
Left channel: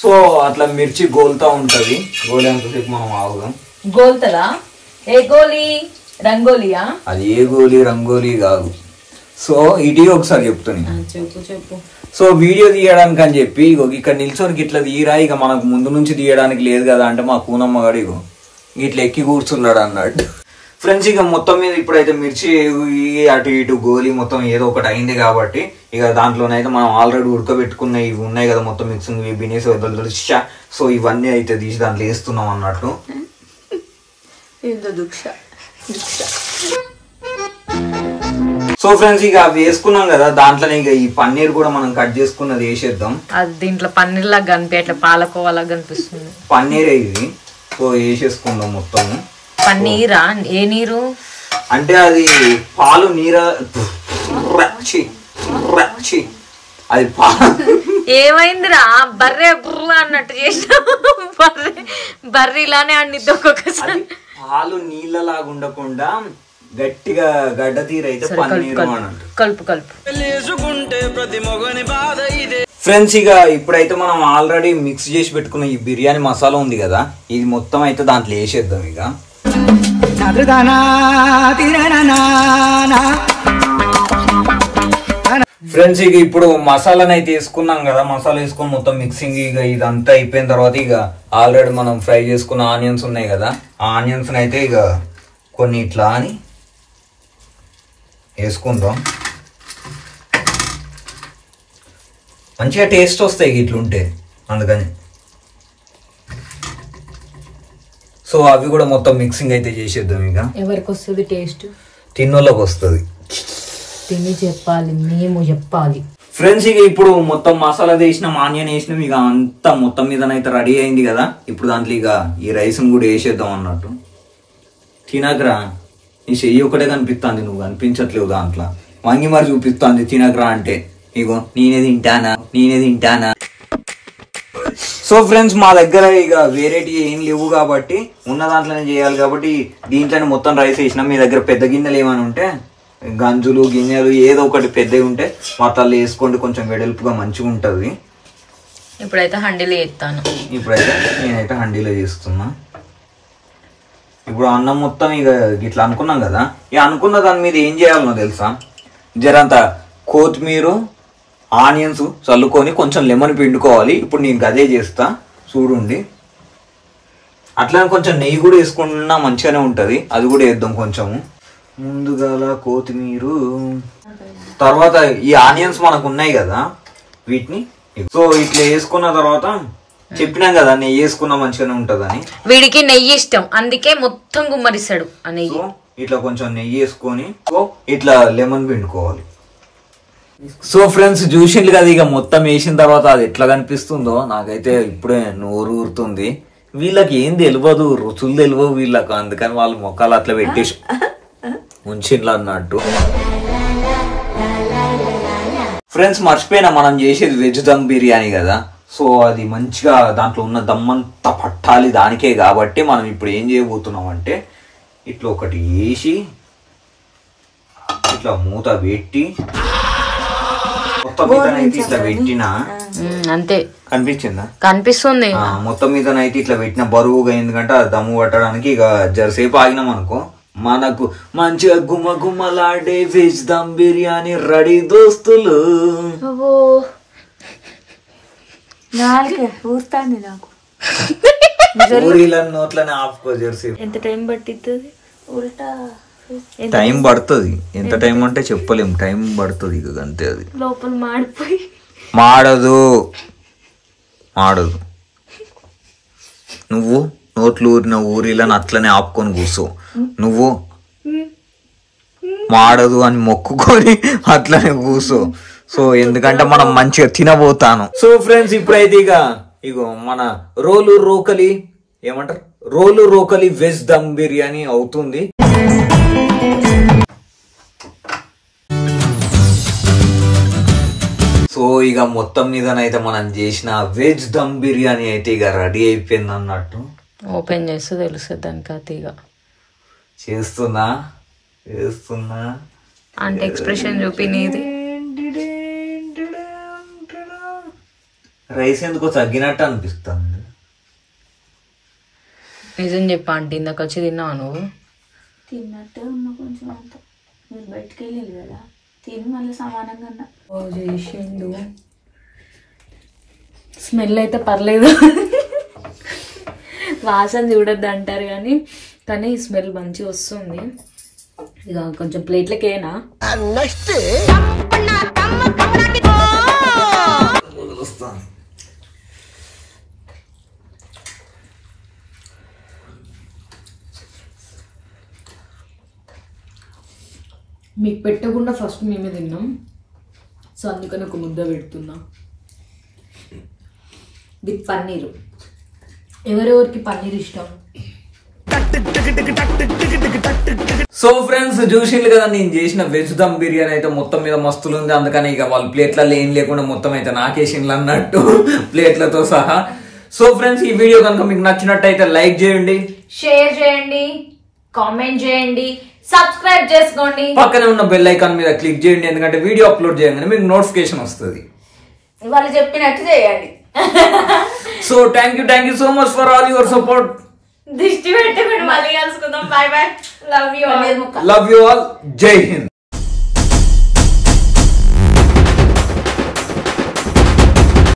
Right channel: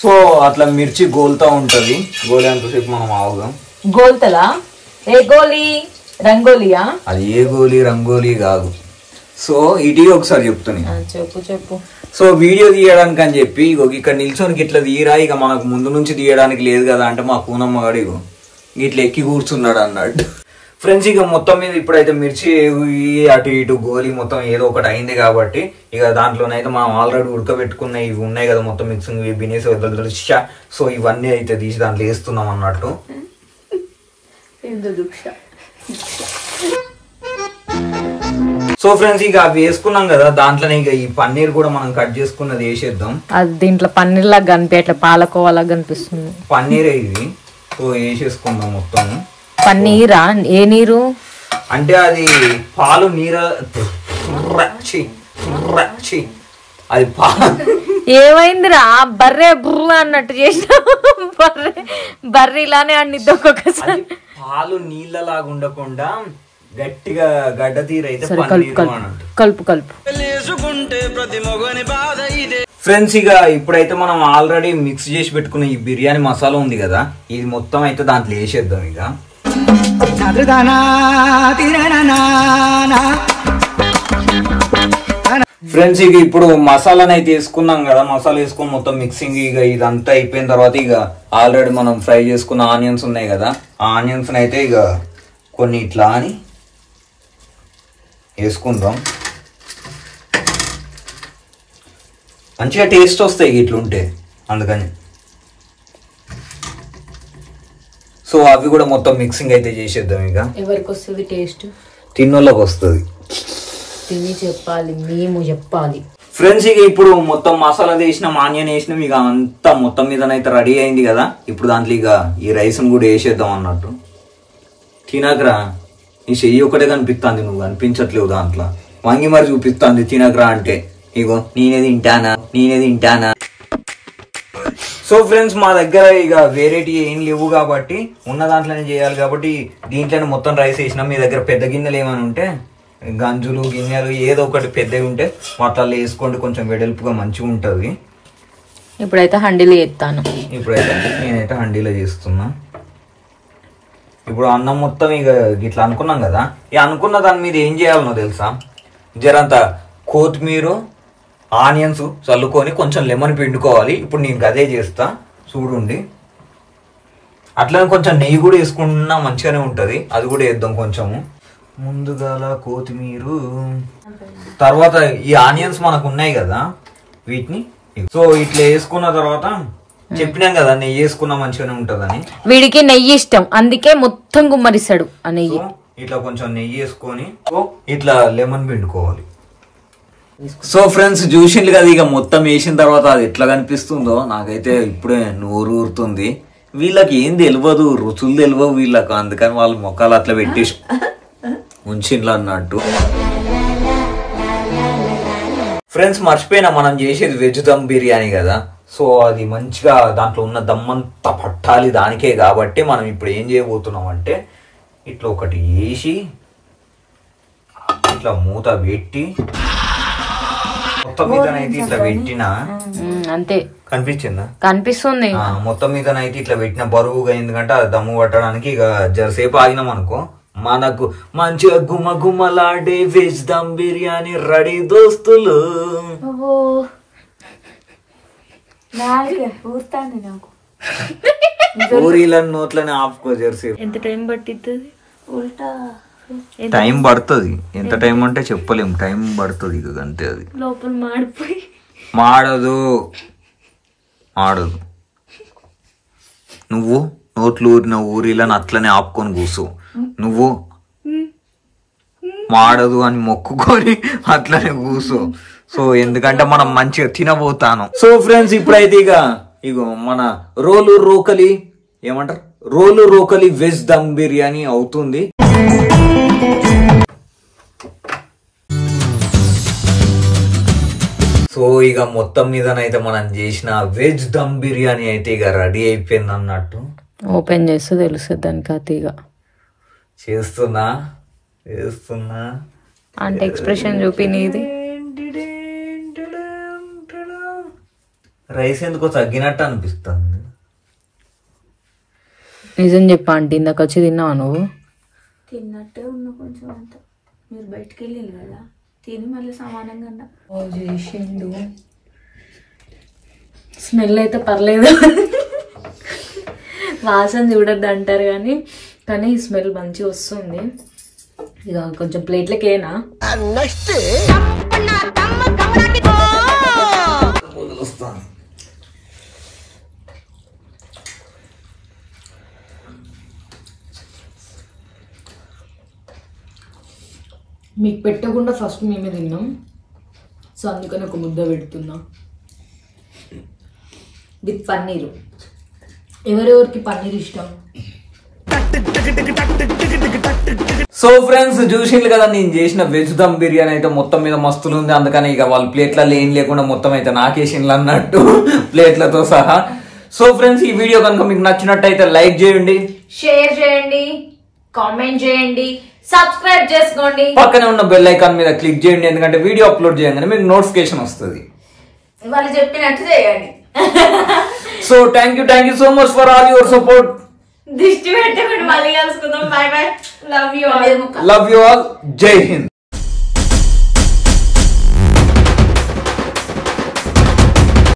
సో అట్లా మిర్చి గోల్తా ఉంటది. గోలేంతసేపు మనం ఆగుదాం. గోల్తలా? ఏ గోలీ? రంగోలియా? అది ఏ గోలీ రంగోలీ కాదు. సో ఇది ఒకసారి చెప్తాను. చెప్పు చెప్పు. సో వీడియో తీయడానికి అని చెప్పి ఇగో ఇక్కడ నిల్చోనికి ఇట్లా తీయరా, ఇక మనకు ముందు నుంచి తీయడానికి లేదు కదా అంటే మా కూనమ్మగాడు ఇగో ఇట్లా ఎక్కి కూర్చున్నాడు అన్నట్టు. ఫ్రెండ్స్ ఇక మొత్తం మీద ఇప్పుడైతే మిర్చి అటు ఇటు గోలీ మొత్తం ఏదో ఒకటి అయింది కాబట్టి ఇక దాంట్లోనైతే మనం ఆల్రెడీ ఉడకబెట్టుకున్న ఇవి ఉన్నాయి కదా మొత్తం మిక్సింగ్ బినేసి వద్దలుషా. సో ఇవన్నీ అయితే తీసి దాంట్లో వేస్తున్నాం అన్నట్టు. సో ఫ్రెండ్స్ ఇక అవి వేసుకున్నాం కదా, దాంట్లోనే ఇక ఈ పన్నీర్ కూడా మనం కట్ చేసుకున్నది వేసేద్దాం. అది దీంట్లో పన్నీర్ లాగా కనిపి అట్లా పాలకోవా లాగా కనిపిస్తుంది. పన్నీరే ఇది. సో వేసేసుకుందాం మొత్తం. పన్నీరా? ఏ నీరు అంటే అది పాలు నీర అది ఏమైందిరా? బర్రె బుర్ర అన్నట్టు చేసిన. బర్రె ఇలానే అండిద్ది ఒక్కొక్కసారి. పాలు నీళ్ళలాగా ఉండకుండా గట్టిగా గడ్డ తీరైతే పన్నీర్ కలుపు కలుపు. ఫ్రెండ్స్ ఇక ఇప్పుడైతే మనం ఆల్రెడీ మిక్స్ చేసి పెట్టుకున్న ఈ బిర్యానీ మసాలా ఉంది కదా, ఇది మొత్తం అయితే దాంట్లో వేసేద్దాం. ఇక ఫ్రెండ్స్ ఇక ఇప్పుడు మసాలాని అయితే వేసుకున్నాం కదా, మసాలా వేసుకొని మొత్తం మిక్సింగ్ ఇక ఇదంతా అయిపోయిన తర్వాత ఇక ఆల్రెడీ మనం ఫ్రై చేసుకున్న ఆనియన్స్ ఉన్నాయి కదా, ఆ ఆనియన్స్ అయితే ఇక కొన్ని ఇట్లా అని వేసుకుందాం. మంచిగా టేస్ట్ వస్తాయి ఇట్లుంటే, అందుకని. సో అవి కూడా మొత్తం మిక్సింగ్ అయితే చేసేద్దాం. ఇక ఎవరికి వస్తుంది టేస్ట్? తిన్నోళ్ళకి వస్తుంది. తిని చెప్పాలి, మేము చెప్పాలి. ఫ్రెండ్స్ ఇక ఇప్పుడు మొత్తం మసాలా వేసినాం, ఆనియన్ వేసినాం, ఇక అంతా మొత్తం మీదనైతే రెడీ అయింది కదా. ఇప్పుడు దాంట్లో ఇక ఈ రైస్ని కూడా వేసేద్దాం అన్నట్టు. తినకరా, నీ చెయ్యి ఒకటే కనిపిస్తుంది, నువ్వు కనిపించట్లేవు దాంట్లో. వంగి మరి చూపిస్తుంది తినకరా అంటే. ఇగో నేనే తింటానా. సో ఫ్రెండ్స్ మా దగ్గర ఇక వేరేటి ఏం లేవు కాబట్టి ఉన్న దాంట్లోనే చేయాలి కాబట్టి దీంట్లోనే మొత్తం రైస్ వేసినాం. మీ దగ్గర పెద్ద గిన్నెలు ఏమైనా ఉంటే, గంజులు గిన్నెలు ఏదో ఒకటి పెద్దవి ఉంటే వాటిల్లో వేసుకోండి, కొంచెం వెడల్పుగా మంచిగా ఉంటుంది. ఇప్పుడైతే హండీలో చేస్తాను. నేనైతే హండీలో చేస్తున్నా. ఇప్పుడు అన్నం మొత్తం ఇక ఇట్లా అనుకున్నాం కదా, ఇక అనుకున్న దాని మీద ఏం చేయాలనో తెలుసా? జరంత కొత్తిమీర ఆనియన్స్ చల్లుకొని కొంచెం లెమన్ పిండుకోవాలి. ఇప్పుడు నేను అదే చేస్తా చూడండి. అట్లనే కొంచెం నెయ్యి కూడా వేసుకున్నా మంచిగానే ఉంటుంది, అది కూడా వేద్దాం కొంచెము. ముందుగా కొత్తిమీర, తర్వాత ఈ ఆనియన్స్ మనకు ఉన్నాయి కదా వీటిని సో ఇట్లా వేసుకున్న తర్వాత చెప్పినాం కదా నెయ్యి వేసుకున్నా మంచిగానే ఉంటదని. వీడికి నెయ్యి ఇష్టం, అందుకే మొత్తం గుమ్మరిస్తాడు ఆ నెయ్యి. ఇట్లా కొంచెం నెయ్యి వేసుకొని ఇట్లా లెమన్ పిండుకోవాలి. సో ఫ్రెండ్స్ చూసిండ్రు కదా, ఇక మొత్తం వేసిన తర్వాత అది ఎట్లా కనిపిస్తుందో నాకైతే ఇప్పుడే నోరు ఊరుతుంది. వీళ్ళకి ఏం తెలియదు, రుచులు తెలియవు వీళ్ళకు, అందుకని వాళ్ళు మొక్కలు అట్లా పెట్టేసి ఉంచిండ్లు అన్నట్టు. ఫ్రెండ్స్ మర్చిపోయినా, మనం చేసేది వెజ్ దమ్ బిర్యానీ కదా. సో అది మంచిగా దాంట్లో ఉన్న దమ్మంతా పట్టాలి దానికే కాబట్టి మనం ఇప్పుడు ఏం చేయబోతున్నాం అంటే ఇట్లా ఒకటి వేసి ఇట్లా మూత పెట్టి మొత్తం మీదనైతే ఇట్లా పెట్టినా అంతే. కనిపించిందా? కనిపిస్తుంది. మొత్తం మీదనైతే ఇట్లా పెట్టిన బరువుగా, ఎందుకంటే దమ్ము పట్టడానికి ఇక జరసేపు ఆగినాం అనుకో మనకు మంచిగా గుమ్మ గుమ్మలాడే వెజ్ దమ్ బిర్యానీ రెడీ దోస్తులు. ఊరుతాంది నాకు. ఊరిలని నోట్లని ఆపుకో జెర్సీ. ఎంత టైం పట్టిద్ది? ఉల్టా టైం పడుతుంది. ఎంత టైం అంటే చెప్పలేం, టైం పడుతుంది. ఇక అంతే. అది లోపల మాడిపోయి మాడదు. నువ్వు నోట్లు ఊరిన ఊరిలని అట్లనే ఆపుకొని కూర్చో. నువ్వు మాడదు అని మొక్కుకొని అట్లనే కూర్చో. సో ఎందుకంటే మనం మంచిగా తినబోతాను. సో ఫ్రెండ్స్ ఇప్పుడైతే ఇగో మన రోలు రోకలి వెజ్ దమ్ బిర్యానీ అవుతుంది. సో ఇక మొత్తం మీదనైతే మనం చేసిన వెజ్ దమ్ బిర్యానీ అయితే ఇక రెడీ అయిపోయింది అన్నట్టు. ఓపెన్ చేస్తే తెలుస్తుంది దానికి. అతిగా చేస్తున్నా అంటే ఎక్స్ప్రెషన్ చూపి నీది. రైస్ ఎందుకో తగ్గినట్టు అనిపిస్తుంది. నిజం చెప్పా అంటే ఇందాక వచ్చి తిన్నావా నువ్వు? తిన్నట్టే ఉన్నా కొంచెం అంత. మీరు బయటకు వెళ్ళి కదా తిని మళ్ళీ సమానంగా చేసిండు. స్మెల్ అయితే పర్లేదు, వాసన చూడద్దు అంటారు కానీ స్మెల్ మంచిగా వస్తుంది. ఇక కొంచెం ప్లేట్లకేనా మీకు పెట్టకుండా ఫస్ట్ మేమే తిన్నాం. సో అందుకని ఒక ముద్ద పెడుతున్నా విత్ పన్నీరు. ఎవరెవరికి పన్నీర్ ఇష్టం? సో ఫ్రెండ్స్ చూసిండ్రు కదా నేను చేసిన వెజ్ దమ్ బిర్యానీ అయితే మొత్తం మీద మస్తులు ఉంది. అందుకని ఇక వాళ్ళ ప్లేట్లలో ఏం లేకుండా మొత్తం అయితే నాకేసిండ్లు అన్నట్టు ప్లేట్లతో సహా. సో ఫ్రెండ్స్ ఈ వీడియో కనుక మీకు నచ్చినట్టయితే లైక్ చేయండి, షేర్ చేయండి, కామెంట్ చేయండి, సబ్స్క్రైబ్ చేసుకోండి, పక్కనే ఉన్న బెల్ ఐకాన్ మీద క్లిక్ చేయండి. ఎందుకంటే వీడియో అప్లోడ్ చేయగానే మీకు నోటిఫికేషన్ వస్తుంది. వాళ్ళు చెప్పినట్టు చేయండి. So thank you so much for all your support. దిష్టి పెట్టకుండా మళ్ళీ కలుసుకుందాం. By by. Love you all. జై హింద్.